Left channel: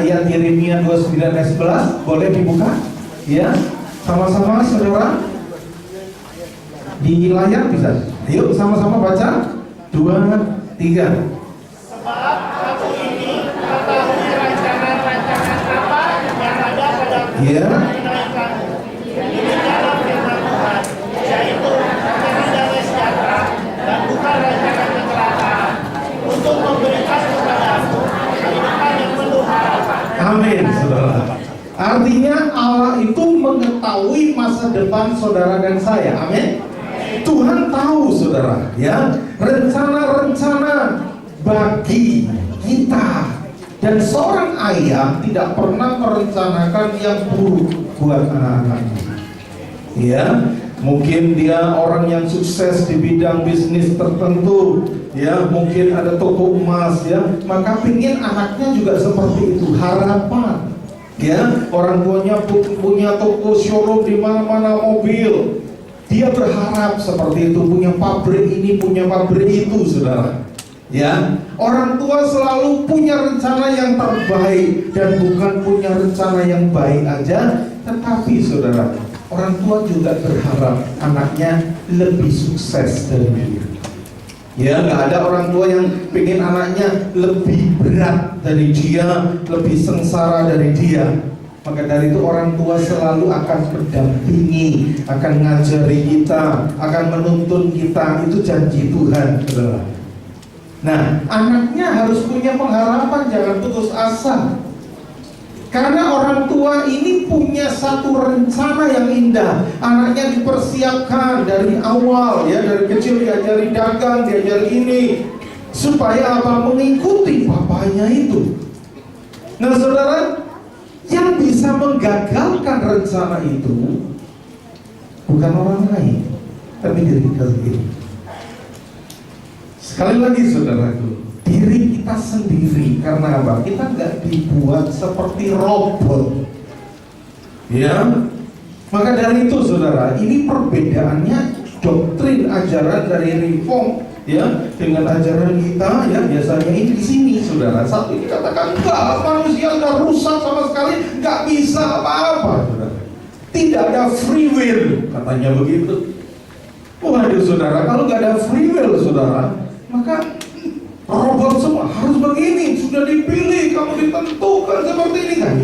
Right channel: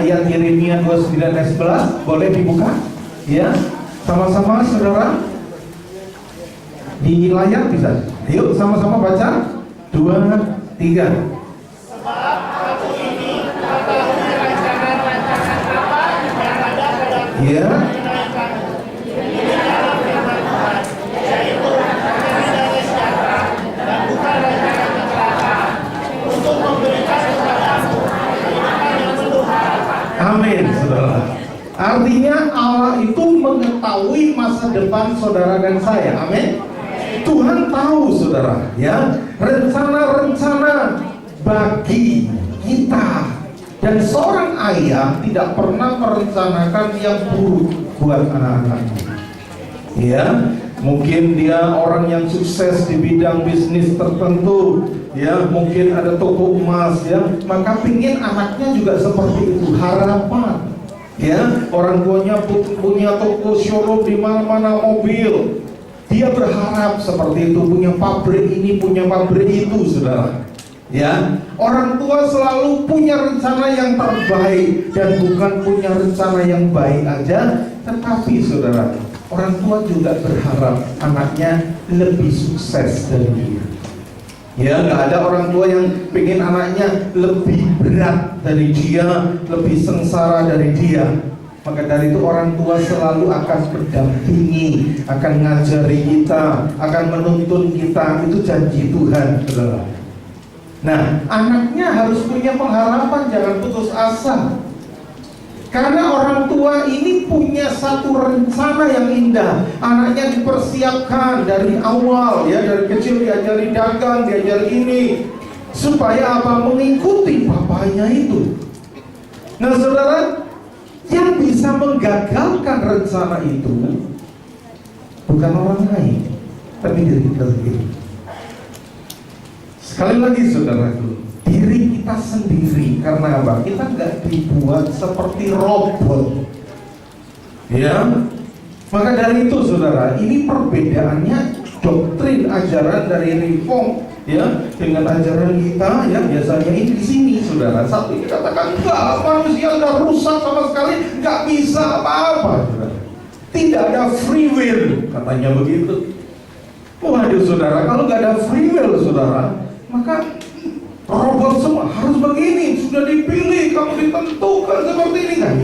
ayat Yeremia 29 ayat 11. Boleh dibuka? Ya, sama-sama saudara. Di layar bisa. Yuk sama-sama baca. 2, 3. Sebab aku ini mengetahui rencana-rencana apa yang ada padamu, Ya. mengenai kamu. Ini dalam firman Tuhan, yaitu rencana damai sejahtera dan bukan rencana kecelakaan, untuk memberikan kepadamu kehidupan yang penuh harapan. Amin, saudara. Artinya Allah itu mengetahui masa depan saudara dan saya. Amin. Tuhan tahu saudara, ya, rencana-rencana bagi kita. Dan seorang ayah tidak pernah merencanakan yang buruk buat anak-anaknya. Ya, mungkin dia orang yang sukses di bidang bisnis tertentu, ya, mungkin ada toko emas, ya, maka pingin anaknya juga seperti itu, harapan. Ya, orang tuanya punya toko showroom di mana-mana, mobil. Dia berharap seperti itu, punya pabrik ini, punya pabrik itu, saudara. Ya, orang tua selalu punya rencana yang terbaik dan bukan punya rencana yang baik aja, tetapi saudara, orang tua juga berharap anaknya lebih sukses dari dia. Ya, nggak ada orang tua yang pengen anaknya lebih berat dari dia, lebih sengsara dari dia. Maka dari itu orang tua selalu akan mendampingi, akan ngajari kita, akan menuntun kita. Itu janji Tuhan, saudara. Nah, anaknya harus punya pengharapan, jangan putus asa. Karena orang tua ini punya satu rencana yang indah. Anaknya dipersiapkan dari awal, ya, dari kecil diajari dagang, diajari ini, supaya apa? Mengikuti papanya itu. Nah, saudara, yang bisa menggagalkan rencana itu bukan orang lain, tapi diri kita sendiri. Sekali lagi saudaraku, diri kita sendiri. Karena apa? Kita nggak dibuat seperti robot. Ya, maka dari itu saudara, ini perbedaannya doktrin ajaran dari Reform, ya, dengan ajaran kita, ya, biasanya ini di sini saudara. Satu dikatakan enggak, manusia nggak rusak sama sekali, nggak bisa apa-apa, saudara. Tidak ada free will, katanya begitu. Waduh saudara, kalau nggak ada free will saudara, maka robot semua harus begini, sudah dipilih, kamu ditentukan seperti ini, kan?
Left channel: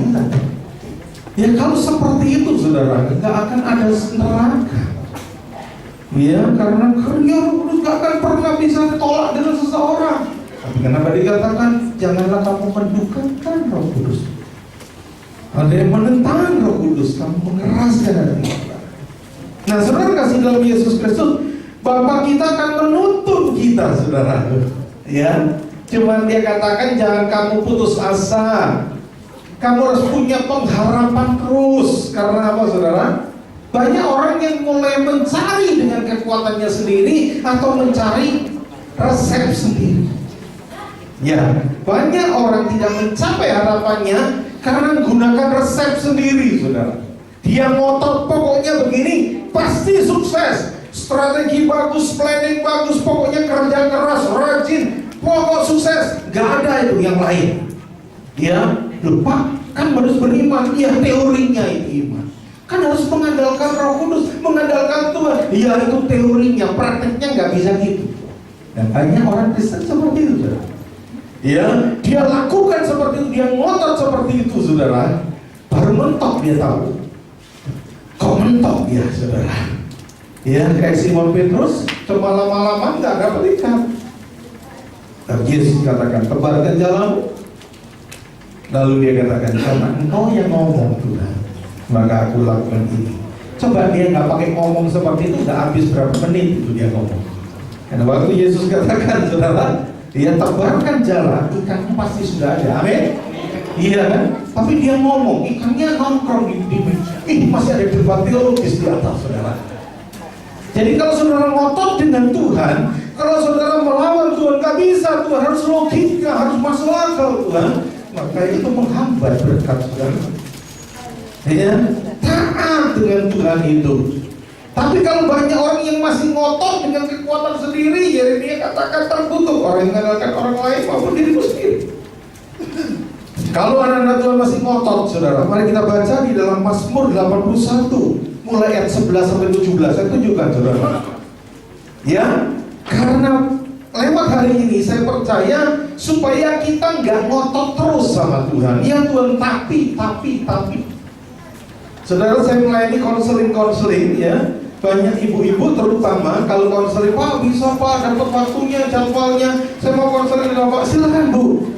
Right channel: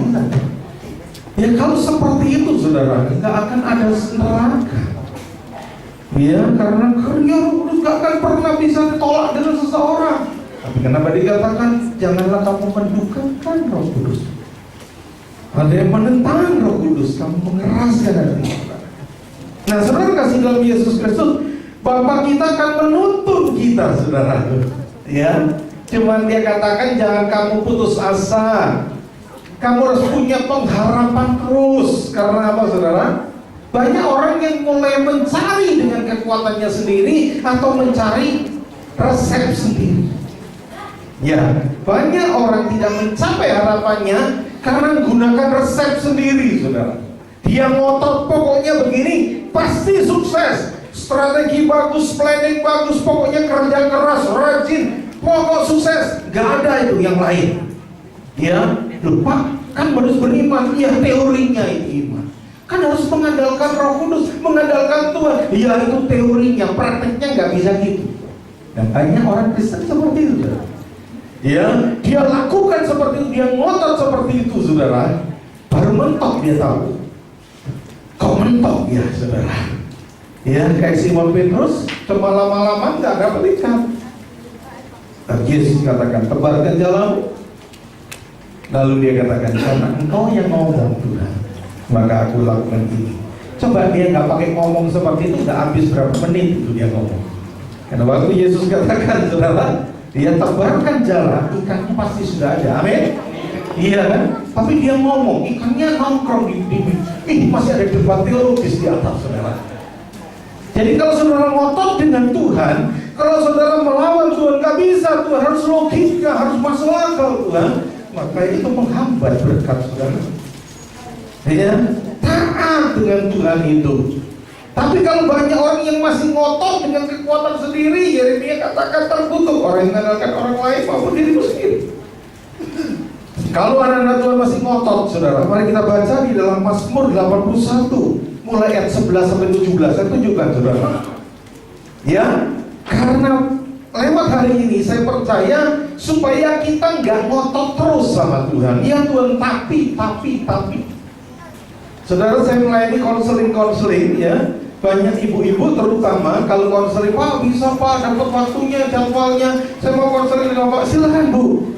Ya kalau seperti itu saudara, nggak akan ada neraka. Ya, karena kerja Kudus gak akan pernah bisa ditolak dengan seseorang. Tapi kenapa dikatakan janganlah kamu mendukakan Roh Kudus? Ada yang menentang Roh Kudus, kamu mengeraskan hati. Nah, saudara kasih dalam Yesus Kristus, Bapa kita akan menuntun kita, saudara. Ya, cuman dia katakan jangan kamu putus asa. Kamu harus punya pengharapan terus. Karena apa, saudara? Banyak orang yang mulai mencari dengan kekuatannya sendiri atau mencari resep sendiri. Ya, banyak orang tidak mencapai harapannya karena menggunakan resep sendiri, saudara. Dia ngotot pokoknya begini, pasti sukses. Strategi bagus, planning bagus, pokoknya kerja keras, rajin, pokok sukses. Gak ada itu yang lain. Ya, lupa kan harus beriman. Ya, teorinya itu iman. Kan harus mengandalkan Roh Kudus, mengandalkan Tuhan. Ya itu teorinya, prakteknya nggak bisa gitu. Dan banyak orang Kristen seperti itu, saudara. Ya, dia lakukan seperti itu, dia ngotot seperti itu, saudara. Baru mentok dia tahu. Kok mentok ya, saudara? Ya, kayak Simon Petrus, cuma lama-lama nggak dapat ikan. Dan Yesus katakan, tebarkan jalamu. Lalu dia katakan, karena engkau yang ngomong Tuhan, maka aku lakukan ini. Coba dia nggak pakai ngomong seperti itu, udah habis berapa menit itu dia ngomong. Karena waktu Yesus katakan, saudara, dia tebarkan jala, ikannya pasti sudah ada. Amin. Iya kan? Tapi dia ngomong, ikannya nongkrong di masih ada debat teologis di atas, saudara. Jadi kalau saudara ngotot dengan Tuhan, kalau saudara melawan Tuhan, nggak bisa. Tuhan harus logika, harus masuk akal Tuhan. Maka itu menghambat berkat saudara. Ya, taat dengan Tuhan itu. Tapi kalau banyak orang yang masih ngotot dengan kekuatan sendiri, Yeremia katakan terkutuk orang yang mengandalkan orang lain maupun dirimu sendiri. Kalau anak-anak Tuhan masih ngotot, saudara, mari kita baca di dalam Mazmur 81 mulai ayat 11 sampai 17. Saya tunjukkan, saudara. Ya, karena lewat hari ini saya percaya supaya kita nggak ngotot terus sama Tuhan. Ya Tuhan, tapi. Saudara, saya melayani konseling ya. Banyak ibu-ibu terutama kalau konseling, Pak bisa Pak dapat waktunya, jadwalnya, saya mau konseling dengan Pak, silakan Bu.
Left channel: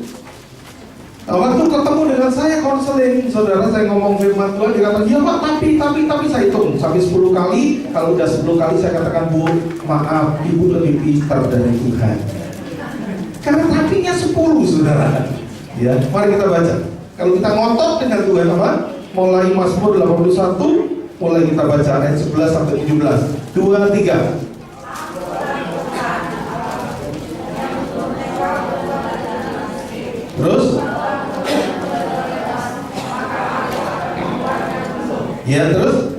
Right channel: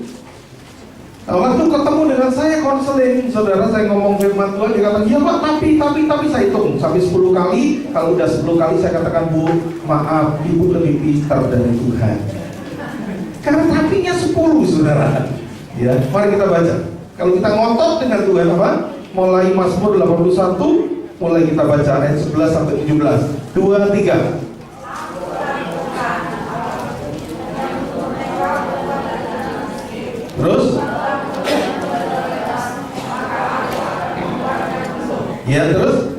Nah, waktu ketemu dengan saya konseling, saudara, saya ngomong firman Tuhan, dia kata, iya Pak, tapi saya hitung sampai 10 kali. Kalau udah 10 kali saya katakan, Bu, maaf, Ibu lebih pintar dari Tuhan. Karena tapinya 10, saudara. Ya, mari kita baca. Kalau kita ngotot dengan Tuhan apa? Mulai Mazmur 81, mulai kita baca ayat 11 sampai 17. 2, 3. Terus? Ya, terus?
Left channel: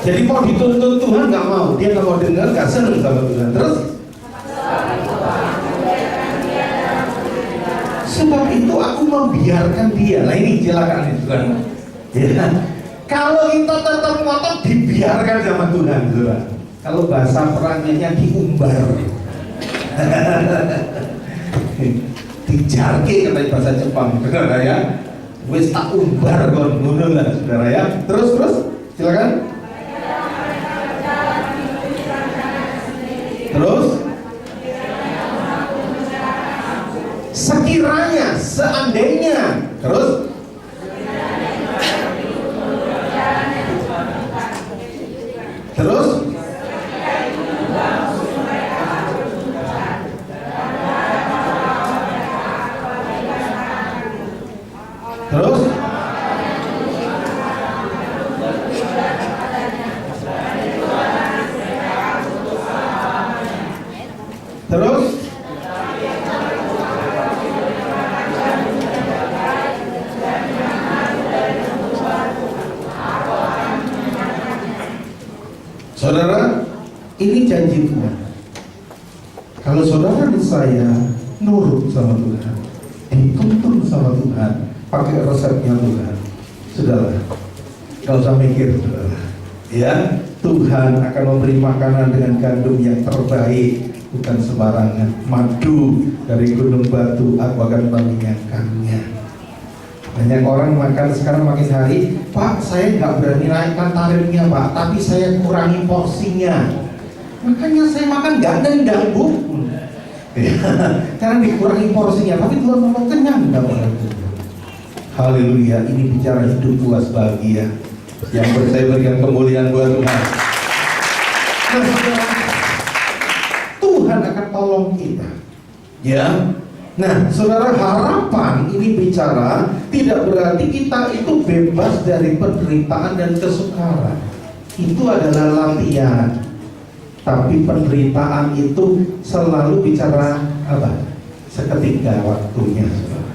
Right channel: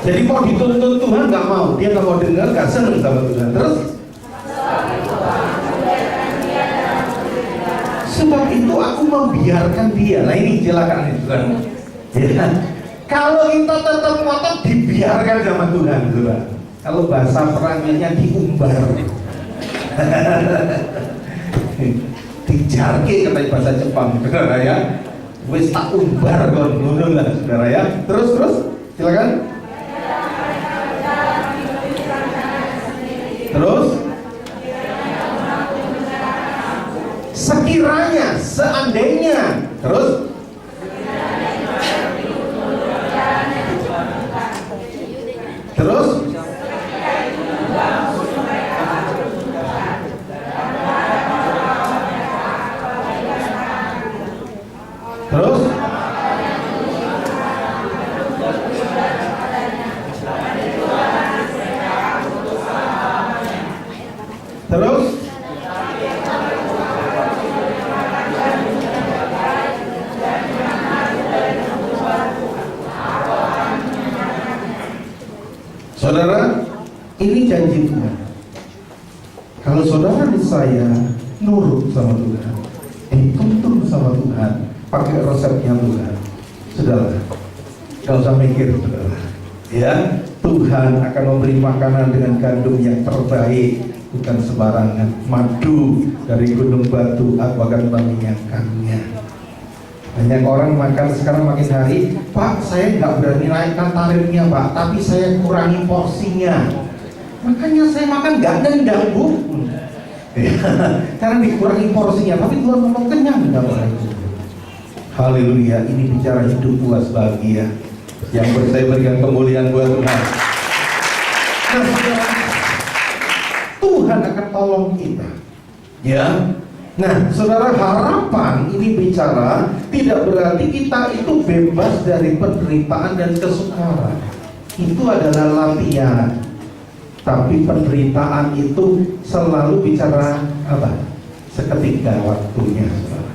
Jadi mau dituntut Tuhan nggak mau, dia nggak mau dengar, nggak seneng sama Tuhan. Terus? Sebab itu aku membiarkan dia. Nah ini silakan Tuhan. Ya. Kalau kita tetap ngotot dibiarkan sama Tuhan, Tuhan. Kalau bahasa perangnya diumbar, dijarke kata bahasa Jepang, saudara ya. Wis tak umbar kon ngono lah, saudara ya. Terus silakan. Terus sekiranya, seandainya, terus terus terus terus saudara, ini janji Tuhan. Kalau saudara dan saya nurut sama Tuhan, dituntun sama Tuhan, pakai resepnya Tuhan, sudahlah, gak usah mikir, saudara. Ya, Tuhan akan memberi makanan dengan gandum yang terbaik, bukan sembarangan. Madu dari gunung batu, aku akan mengenyangkannya. Banyak orang makan sekarang makin hari, Pak, saya nggak berani naikkan tarifnya Pak, tapi saya kurangi porsinya. Makanya saya makan nggak nendang Bu. Karena dikurangi porsinya, tapi Tuhan mau kenyang nggak orang itu. Haleluya, ini bicara hidup puas bahagia yang saya berikan kemuliaan buat Tuhan. Tuhan akan tolong kita. Ya. Nah, saudara, harapan ini bicara tidak berarti kita itu bebas dari penderitaan dan kesukaran. Itu adalah latihan. Tapi penderitaan itu selalu bicara apa? Seketika waktunya, saudara.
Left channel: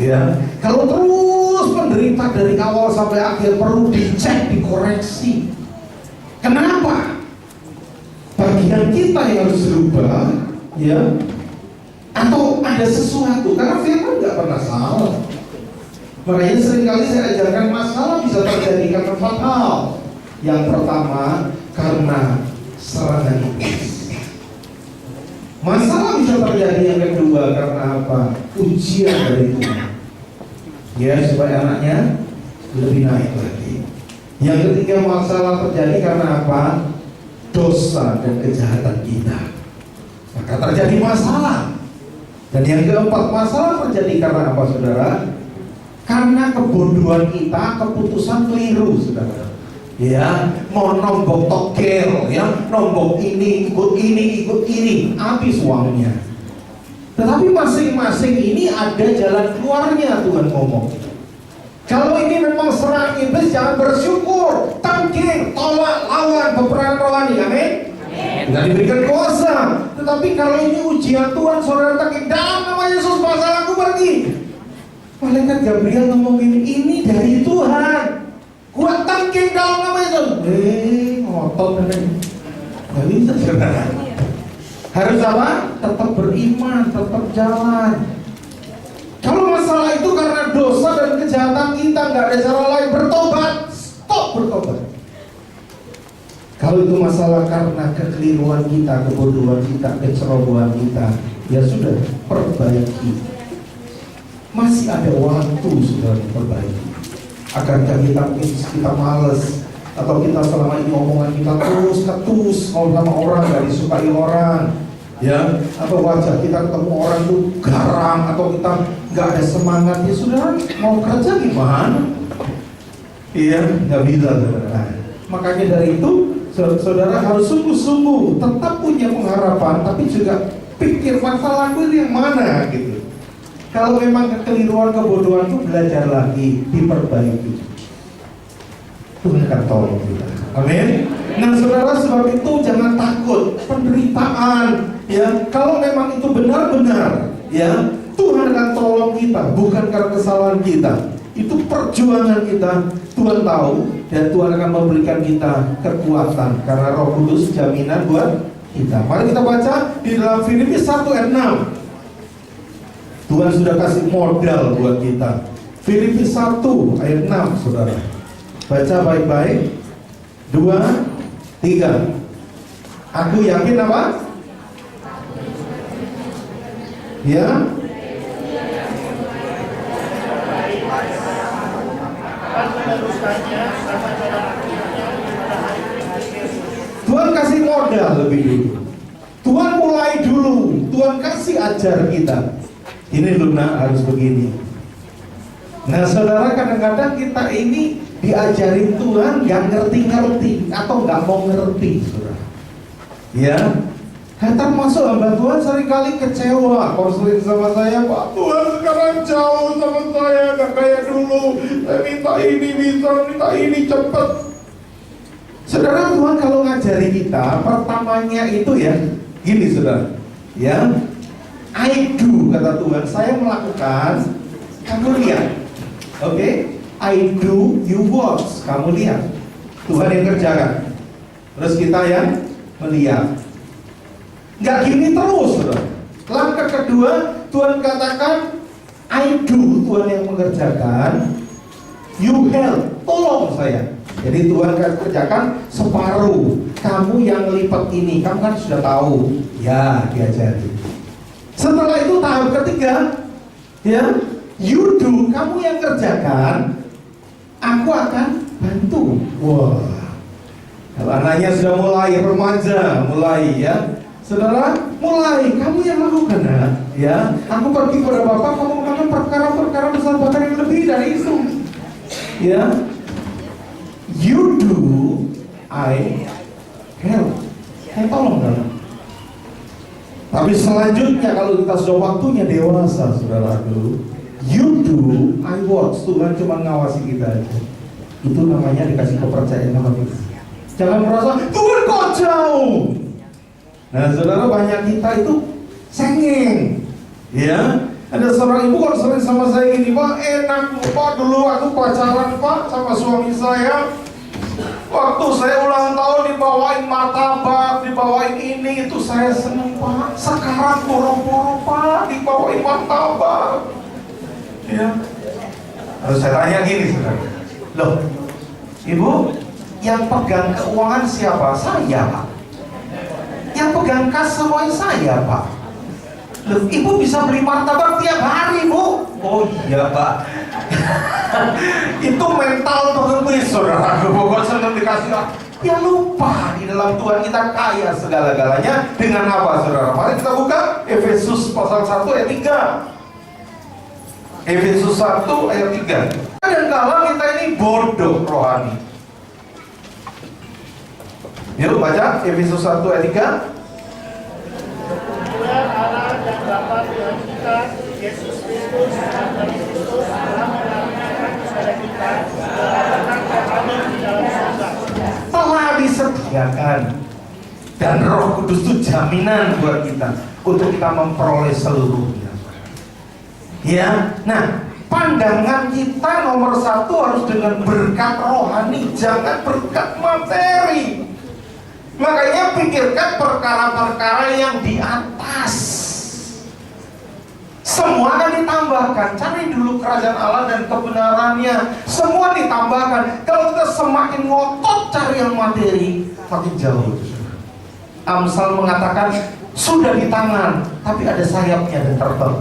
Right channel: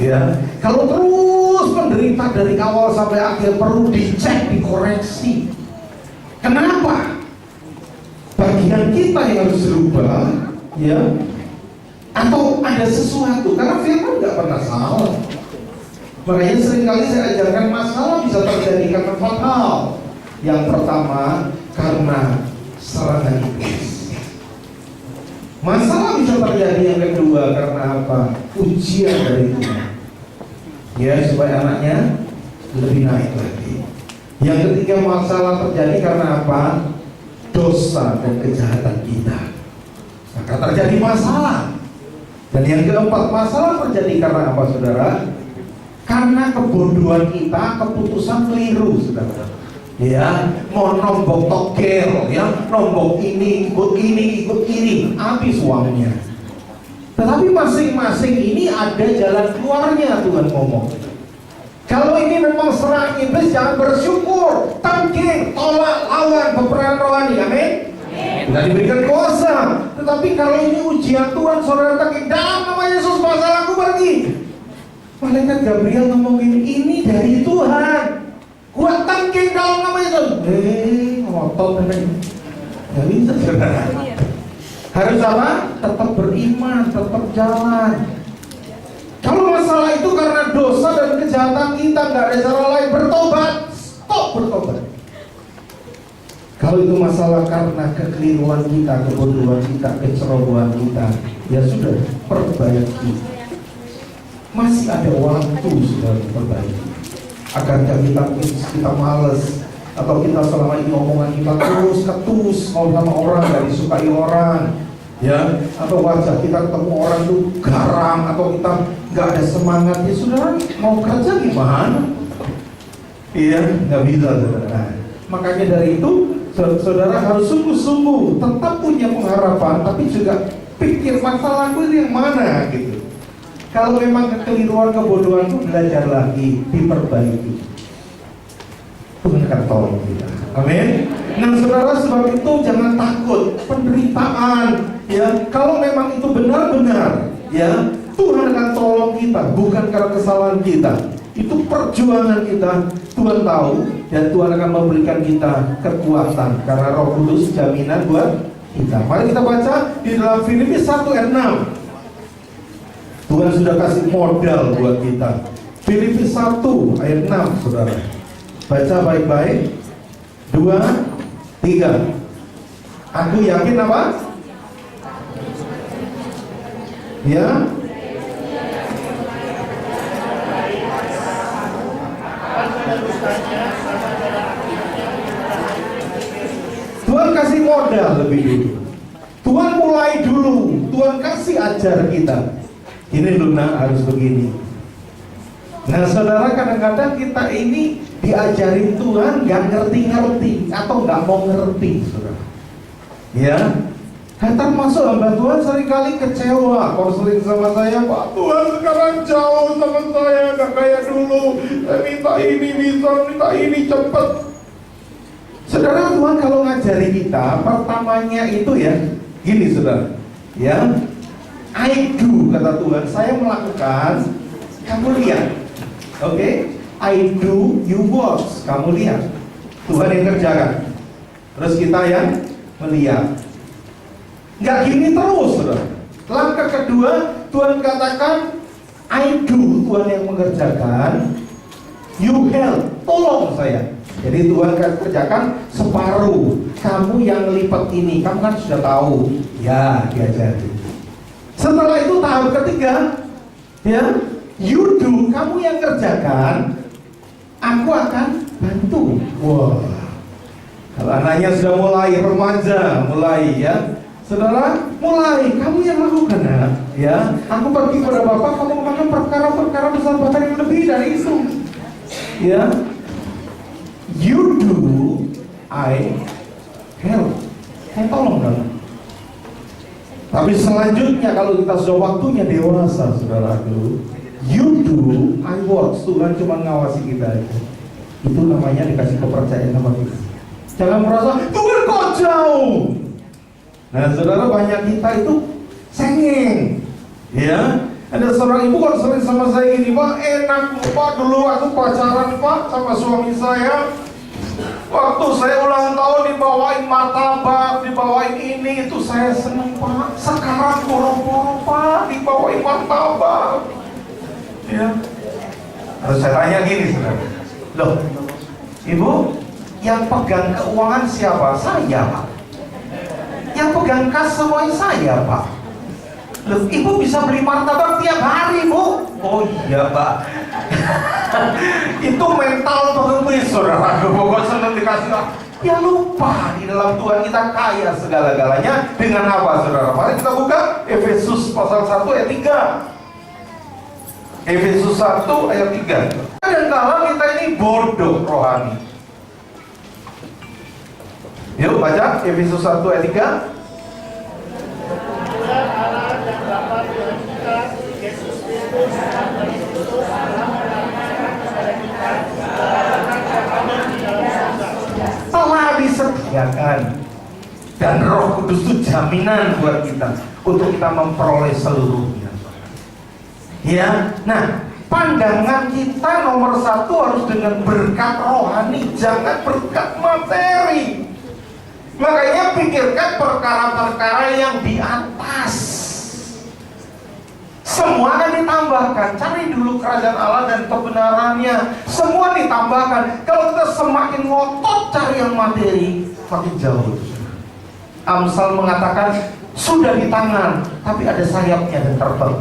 Ya, kalau terus menderita dari awal sampai akhir perlu dicek, dikoreksi. Kenapa? Bagian kita yang harus berubah, ya. Atau ada sesuatu, karena firman nggak pernah salah. Makanya seringkali saya ajarkan masalah bisa terjadi karena 4 hal. Yang pertama, karena serangan iblis. Masalah bisa terjadi yang kedua karena apa? Ujian dari Tuhan. Ya, supaya anaknya lebih naik lagi. Yang ketiga, masalah terjadi karena apa? Dosa dan kejahatan kita. Maka terjadi masalah. Dan yang keempat, masalah terjadi karena apa, saudara? Karena kebodohan kita, keputusan keliru, saudara. Ya, mau nombok togel, ya, nombok ini, ikut ini, habis uangnya. Tetapi masing-masing ini ada jalan keluarnya, Tuhan ngomong. Kalau ini memang serang iblis, jangan bersyukur, tangkir, tolak, lawan, peperangan rohani, amin. Bukan diberikan kuasa. Tetapi kalau ini ujian Tuhan, saudara tangkir, dalam nama Yesus masalahku pergi. Malaikat Gabriel ngomongin ini dari Tuhan. Gua tangkir dalam nama Yesus. Ngotot ini. Gak bisa, saudara. Harus apa? tetap beriman, tetap jalan. Kalau masalah itu karena dosa dan kejahatan kita, nggak ada cara lain, bertobat, stop bertobat. Kalau itu masalah karena kekeliruan kita, kebodohan kita, kecerobohan kita, ya sudah, perbaiki. Masih ada waktu sudah perbaiki. Akankah kita males, atau kita selama ini omongan kita terus ketus sama orang, gak disukai orang, ya, atau wajah kita ketemu orang itu garang, atau kita nggak ada semangat, ya saudara, mau kerja gimana? Iya, nggak bisa, saudara. Makanya dari itu saudara harus sungguh-sungguh tetap punya pengharapan, tapi juga pikir masalahku ini yang mana gitu. Kalau memang kekeliruan, kebodohan itu, belajar lagi, diperbaiki. Tuhan akan tolong kita. Amin. Nah saudara, sebab itu jangan takut penderitaan. Ya, kalau memang itu benar-benar, ya, Tuhan akan tolong kita, bukan karena kesalahan kita. Itu perjuangan kita. Tuhan tahu, dan Tuhan akan memberikan kita kekuatan karena Roh Kudus jaminan buat kita. Mari kita baca di dalam Filipi 1 ayat 6. Tuhan sudah kasih modal buat kita. Filipi 1 ayat 6, saudara. Baca baik-baik. 2, 3. Aku yakin apa? Ya. Tuhan kasih modal lebih dulu. Tuhan mulai dulu. Tuhan kasih ajar kita. Ini Luna harus begini. Nah saudara, kadang-kadang kita ini diajarin Tuhan gak ngerti-ngerti atau gak mau ngerti, saudara. Ya, termasuk hamba Tuhan seringkali kecewa. Konseling sama saya, Pak Tuhan sekarang jauh sama saya, gak kayak dulu. Saya minta ini bisa, minta ini cepet. Saudara, Tuhan kalau ngajari kita, pertamanya itu ya, gini saudara, ya, I do, kata Tuhan, saya melakukan, kamu lihat. Oke, I do, you watch, kamu lihat. Tuhan yang kerjakan, terus kita yang melihat. Nggak gini terus, saudara. Langkah kedua, Tuhan katakan, I do, Tuhan yang mengerjakan, you help, tolong saya. Jadi Tuhan akan kerjakan separuh. Kamu yang lipat ini, kamu kan sudah tahu, ya diajari. Setelah itu tahap ketiga, ya, you do, kamu yang kerjakan, aku akan bantu. Wah, kalau anaknya sudah mulai remaja, mulai ya, saudara, mulai kamu yang lakukan ya. Aku pergi kepada Bapak, kamu melakukan perkara-perkara besar bahkan yang lebih dari itu. Ya, you do, I help. Saya tolong dong. Tapi selanjutnya kalau kita sudah waktunya dewasa, saudaraku, you do, I watch. Tuhan cuma ngawasi kita aja. Itu namanya dikasih kepercayaan sama kita. Jangan merasa Tuhan kok jauh. Nah saudara, banyak kita itu cengeng. Ya, ada seorang ibu konseling sama saya gini, Pak, enak Pak, dulu aku pacaran Pak sama suami saya. Waktu saya ulang tahun dibawain martabak, dibawain ini, itu saya seneng Pak. Sekarang boro-boro Pak, dibawain martabak. Ya. Terus saya tanya gini, saudara. Loh, Ibu, yang pegang keuangan siapa? Saya Pak. Yang pegang kas semuanya saya Pak. Loh, Ibu bisa beli martabak tiap hari Bu? Oh iya Pak. Itu mental pengemis, saudara. Pokoknya senang dikasih. Ya lupa, di dalam Tuhan kita kaya segala-galanya. Dengan apa, saudara? Mari kita buka Efesus pasal 1 ayat 3. Efesus 1 ayat 3. Kadang-kala kita ini bodoh rohani. Yuk baca Efesus 1 ayat 3. Allah dan Bapa Tuhan kita Yesus Kristus telah disediakan, dan Roh Kudus itu jaminan buat kita untuk kita memperoleh seluruhnya. Ya, nah pandangan kita nomor satu harus dengan berkat rohani, jangan berkat materi. Makanya pikirkan perkara-perkara yang di atas. Semua akan ditambahkan. Cari dulu kerajaan Allah dan kebenarannya. Semua ditambahkan. Kalau kita semakin ngotot cari yang materi, makin jauh. Amsal mengatakan sudah di tangan, tapi ada sayapnya dan terbang.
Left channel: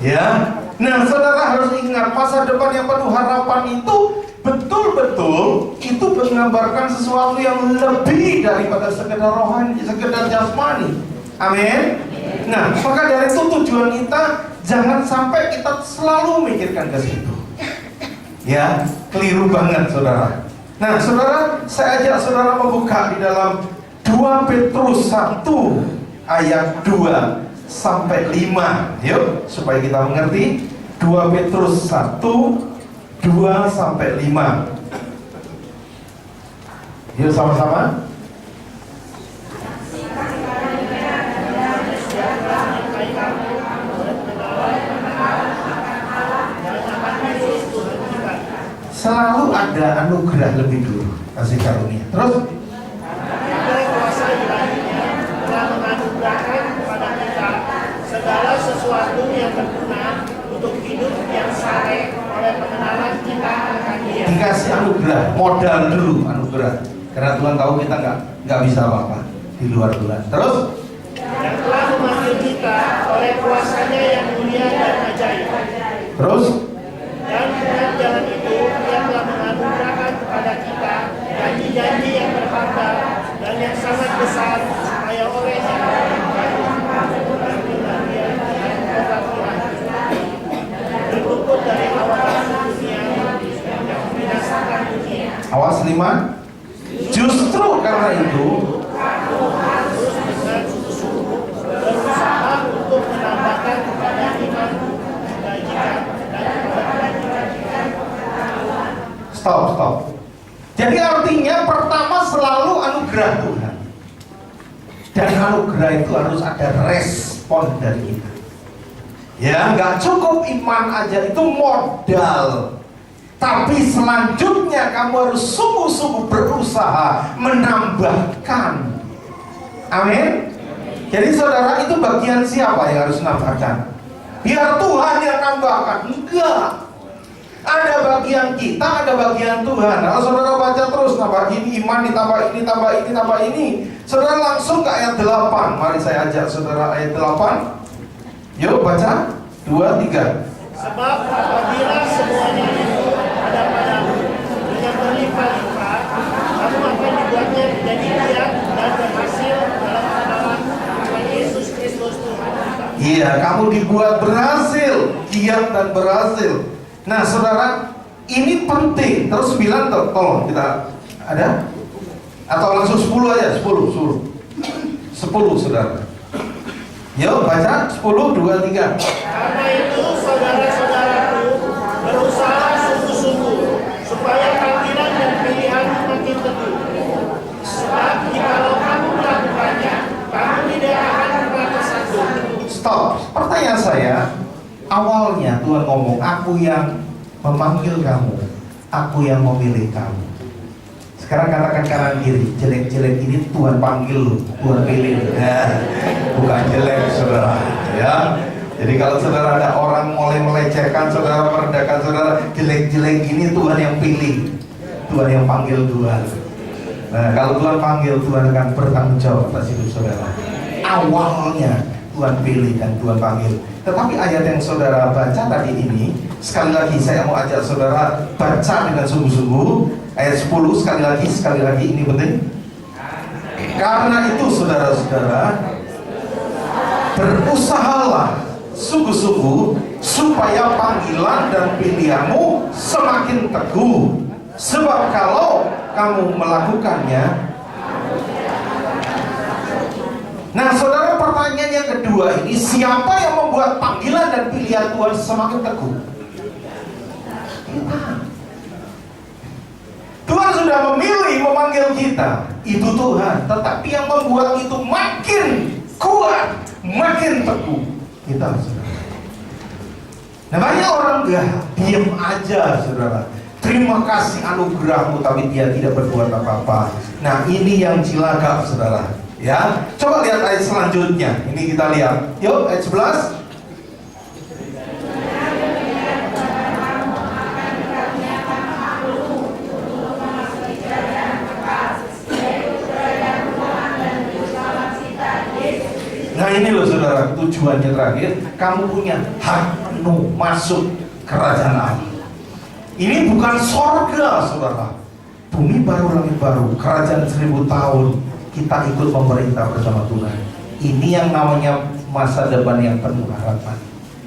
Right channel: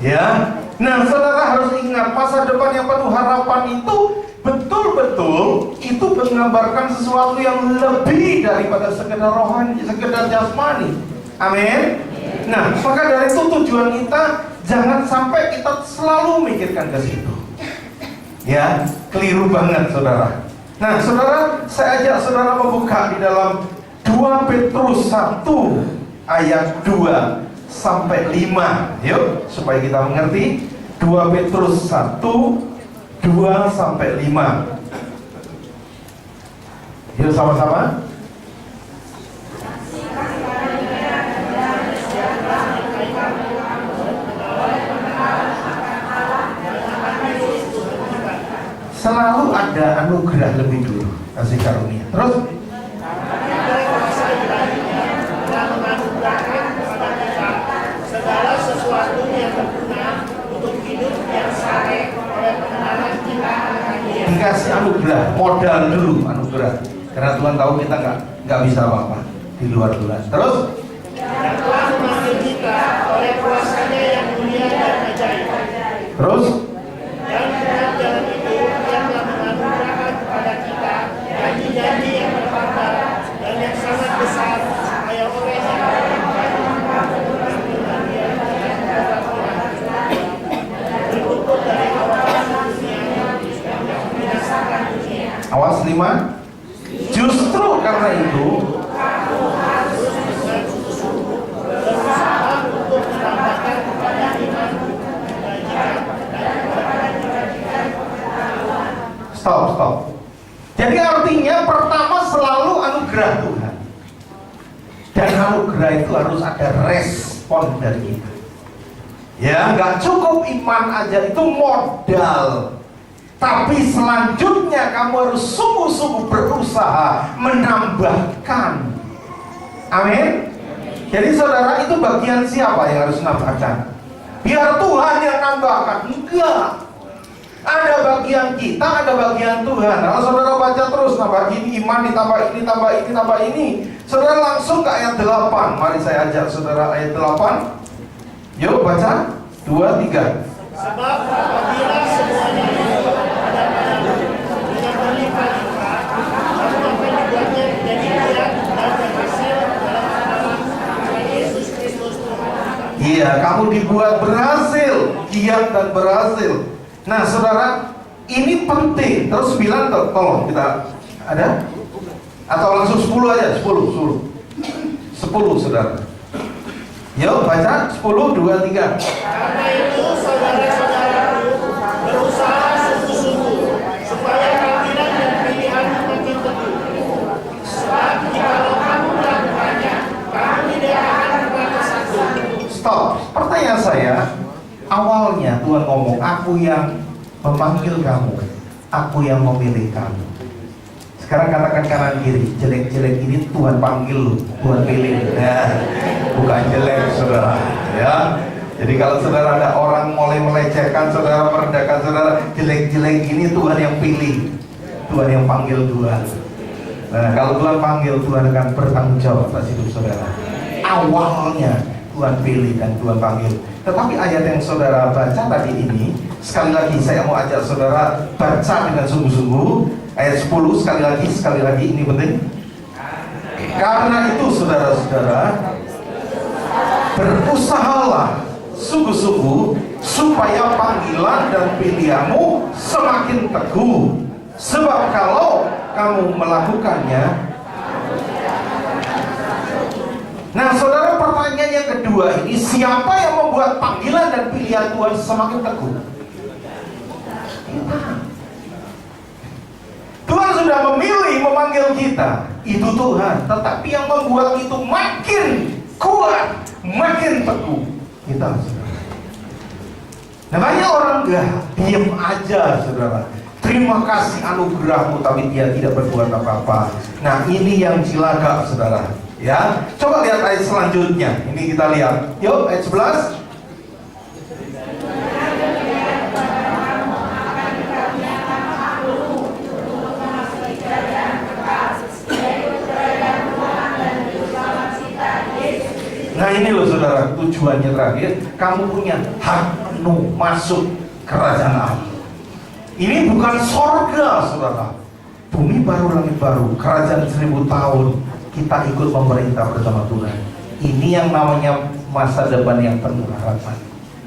Ya. Nah, saudara harus ingat, masa depan yang penuh harapan itu betul-betul itu menggambarkan sesuatu yang lebih daripada sekedar rohani, sekedar jasmani. Amin. Nah, maka dari itu tujuan kita jangan sampai kita selalu mikirkan ke situ. Ya, keliru banget, saudara. Nah, saudara, saya ajak saudara membuka di dalam 2 Petrus 1 ayat 2 sampai 5. Yuk, supaya kita mengerti. 2 Petrus 1 2 sampai 5. Yuk sama-sama. Selalu ada anugerah lebih dulu, kasih karunia. Terus segala sesuatu yang berguna untuk hidup yang saleh oleh pengenalan kita akan Dia. dikasih anugerah, modal dulu anugerah. Karena Tuhan tahu kita nggak bisa apa-apa di luar Tuhan. Terus Yang telah memanggil kita oleh kuasanya yang mulia dan ajaib. terus Dan dengan jalan itu Dia telah menganugerahkan kepada kita janji-janji yang berharga dan yang sangat besar, supaya olehnya berluput dari awalan dunia yang membinasakan dunia. awas 5. Justru karena itu Berusaha untuk menambahkan kepada iman kebajikan dan stop. Jadi artinya pertama selalu anugerah Tuhan. Dan anugerah itu harus ada respon dari kita. Ya, nggak cukup iman aja, itu modal. Tapi selanjutnya kamu harus sungguh-sungguh berusaha menambahkan. Amin. Jadi saudara, itu bagian siapa yang harus menambahkan? Biar Tuhan yang nambahkan? Enggak. Ada bagian kita, ada bagian Tuhan. Kalau saudara baca terus, nambah ini iman, ditambah ini, tambah ini, tambah ini, saudara langsung ke ayat 8. Mari saya ajak saudara ayat 8. Yuk baca 2, 3. Sebab apabila semuanya itu ada padamu dengan berlimpah-limpah, kamu akan dibuatnya menjadi giat dan berhasil dalam pengenalan Tuhan Yesus Kristus Tuhan kita. Iya, kamu dibuat berhasil, giat dan berhasil. Nah, saudara, ini penting. Terus 9, tolong kita ada? Atau langsung 10 aja, 10, saudara. Yuk baca 10, 2, 3. Karena itu saudara-saudaraku, berusaha sungguh-sungguh supaya panggilan dan pilihan makin teguh. Sebab jikalau kamu melakukannya, kamu tidak akan pernah tersandung. Stop. Pertanyaan saya, awalnya Tuhan ngomong, aku yang memanggil kamu, aku yang memilih kamu. Sekarang katakan kanan kiri, jelek-jelek ini Tuhan panggil lu, Tuhan pilih. Nah, bukan jelek, saudara. Ya. Jadi kalau saudara ada orang mulai melecehkan saudara, merendahkan saudara, jelek-jelek ini Tuhan yang pilih, Tuhan yang panggil Tuhan. Nah, kalau Tuhan panggil, Tuhan akan bertanggung jawab atas hidup saudara. Awalnya Tuhan pilih dan Tuhan panggil. Tetapi ayat yang saudara baca tadi ini, sekali lagi saya mau ajak saudara baca dengan sungguh-sungguh. Ayat 10 sekali lagi ini penting. Karena itu saudara-saudara, berusahalah sungguh-sungguh supaya panggilan dan pilihanmu semakin teguh. Sebab kalau kamu melakukannya. Nah, saudara, pertanyaan yang kedua ini, siapa yang membuat panggilan dan pilihan Tuhan semakin teguh? Kita. Tuhan sudah memilih memanggil kita, itu Tuhan. Tetapi yang membuat itu makin kuat, makin teguh, kita, saudara. Nah, banyak orang enggak, diem aja, saudara. terima kasih anugerahmu, tapi dia tidak berbuat apa-apa. Nah, ini yang cilaka, saudara. Ya, coba lihat ayat selanjutnya. Ini kita lihat. Yuk, ayat 11. Nah, ini loh saudara, tujuannya terakhir, kamu punya hak penuh masuk kerajaan Allah. Ini bukan sorga, saudara. Bumi baru, langit baru, kerajaan 1000 tahun. Kita ikut memerintah bersama Tuhan. Ini yang namanya masa depan yang penuh harapan.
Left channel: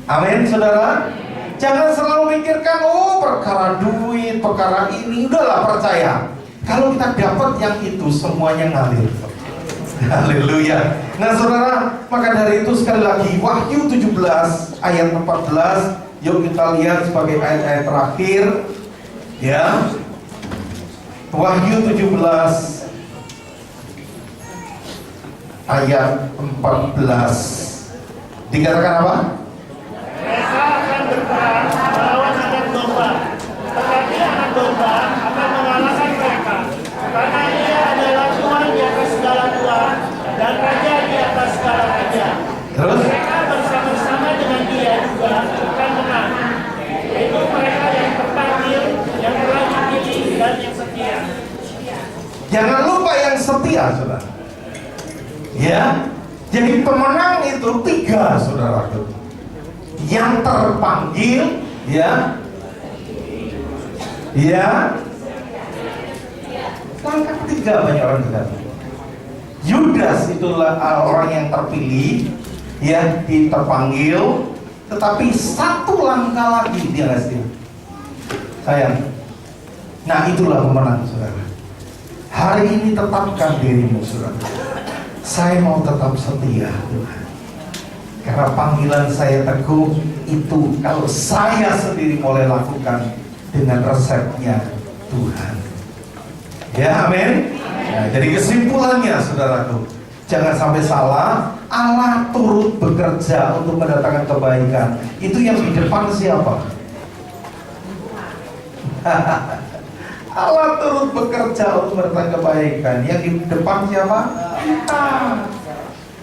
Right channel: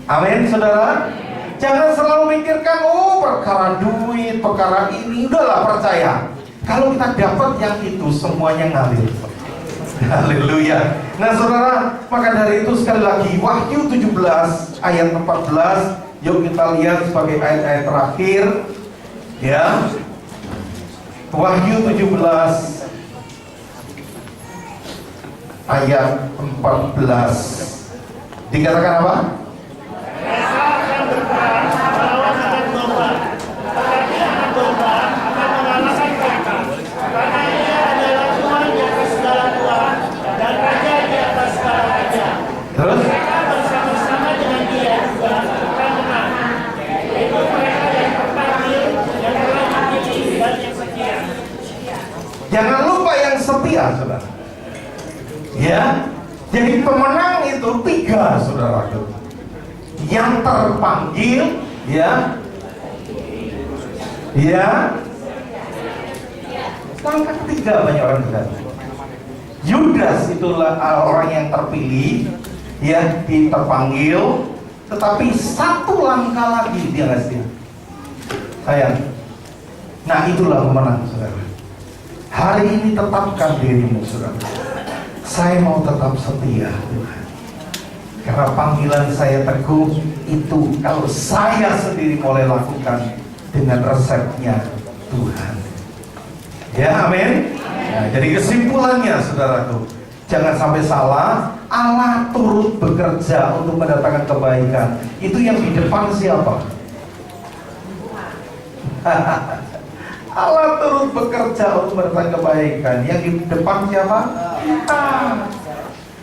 Amin, saudara. Jangan selalu mikirkan, oh perkara duit, perkara ini. Udahlah, percaya. Kalau kita dapat yang itu, semuanya ngalir. Haleluya. Nah saudara, maka dari itu sekali lagi Wahyu 17 ayat 14, yuk kita lihat sebagai ayat-ayat terakhir. Ya, Wahyu 17 ayat 14 dikatakan apa? Mereka akan berperang melawan anak domba, tetapi anak domba akan mengalahkan mereka, karena ia adalah Tuhan di atas segala Tuhan dan Raja di atas segala Raja. Terus? Mereka bersama-sama dengan dia juga akan menang, yaitu mereka yang terpanggil, yang telah dipilih dan yang setia. Jangan lupa yang setia, saudara. Ya, jadi pemenang itu 3, saudara. Yang terpanggil, ya, langkah 3 banyak orang bilang. Yudas itulah orang yang terpilih, ya, terpanggil, tetapi 1 langkah lagi dia nggak setia. Sayang. Nah, itulah pemenang, saudara. Hari ini tetapkan dirimu, saudara. Saya mau tetap setia, Tuhan. Karena panggilan saya teguh itu kalau saya sendiri mulai lakukan dengan resepnya Tuhan. Ya, amin. Nah, jadi kesimpulannya, saudaraku, jangan sampai salah. Allah turut bekerja untuk mendatangkan kebaikan. Itu yang di depan siapa? Allah turut bekerja untuk mendatangkan kebaikan. Yang di depan siapa? Kita.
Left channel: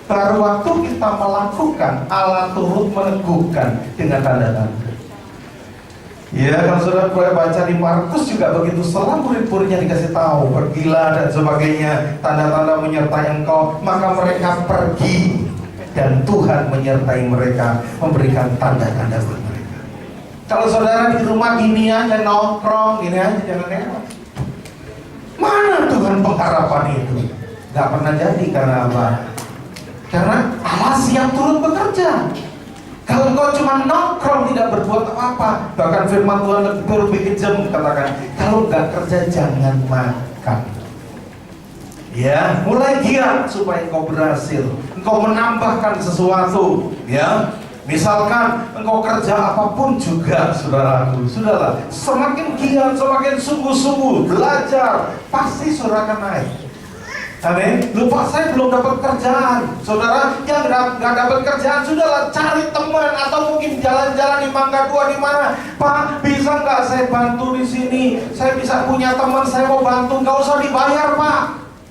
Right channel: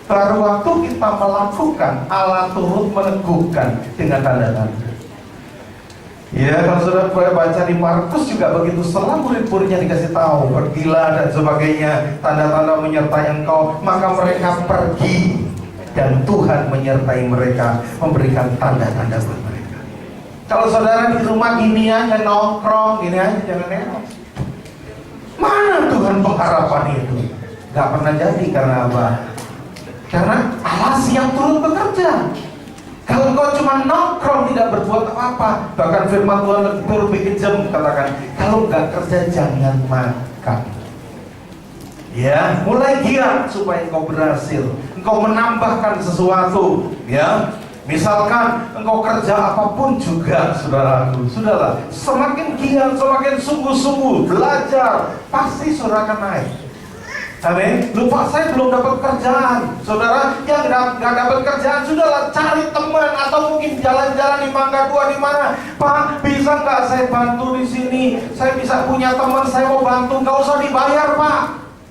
Baru waktu kita melakukan, Allah turut meneguhkan dengan tanda-tanda. Ya, kalau sudah baca di Markus juga begitu. Setelah murid-muridnya dikasih tahu, pergilah dan sebagainya, tanda-tanda menyertai engkau, maka mereka pergi dan Tuhan menyertai mereka, memberikan tanda-tanda buat mereka. Kalau saudara di rumah gini aja nongkrong, gini aja jangan nengok. Mana Tuhan pengharapan itu? Gak pernah jadi. Karena apa? Karena Allah siap turut bekerja. Kalau kau cuma nongkrong tidak berbuat apa-apa, bahkan firman Tuhan lebih kejam katakan, kalau nggak kerja jangan makan. Ya, mulai giat supaya engkau berhasil. Engkau menambahkan sesuatu. Ya, misalkan engkau kerja apapun juga, saudaraku, sudahlah. Semakin giat, semakin sungguh-sungguh belajar, pasti saudara akan naik. Amin. Lupa saya belum dapat kerjaan. Saudara yang nggak dapat kerjaan, sudahlah cari teman atau mungkin jalan-jalan di Mangga 2 di mana. Pak, bisa nggak saya bantu di sini? Saya bisa punya teman, saya mau bantu, nggak usah dibayar, Pak.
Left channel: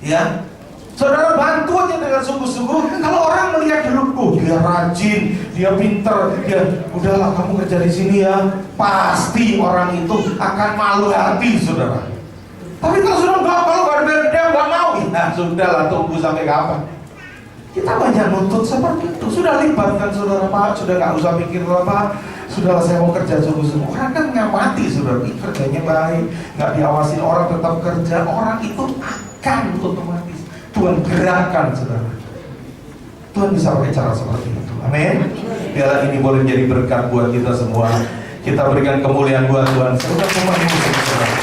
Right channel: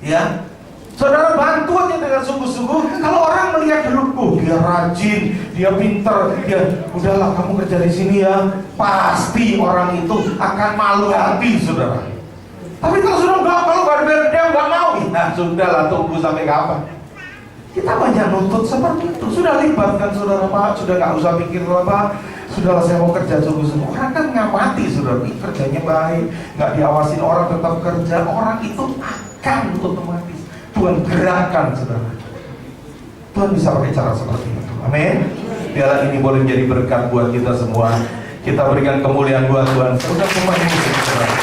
Ya. Saudara bantu aja dengan sungguh-sungguh. Kalau orang melihat dulu, oh dia rajin, dia pinter, dia udahlah kamu kerja di sini ya. Pasti orang itu akan malu hati, saudara. Tapi kalau sudah kalau dia nggak mau, nah sudahlah, tunggu sampai kapan? Kita banyak nuntut seperti itu. Sudah libatkan saudara, Pak, sudah nggak usah mikir apa. Sudahlah, saya mau kerja sungguh-sungguh. Orang kan ngamati, saudara, kerjanya baik, nggak diawasin orang, tetap kerja. Orang itu akan otomatis Tuhan gerakkan, saudara. Tuhan bisa pakai cara seperti itu. Amin. Biarlah ini boleh menjadi berkat buat kita semua. Kita berikan kemuliaan buat Tuhan. Sudah pemain musik, saudara.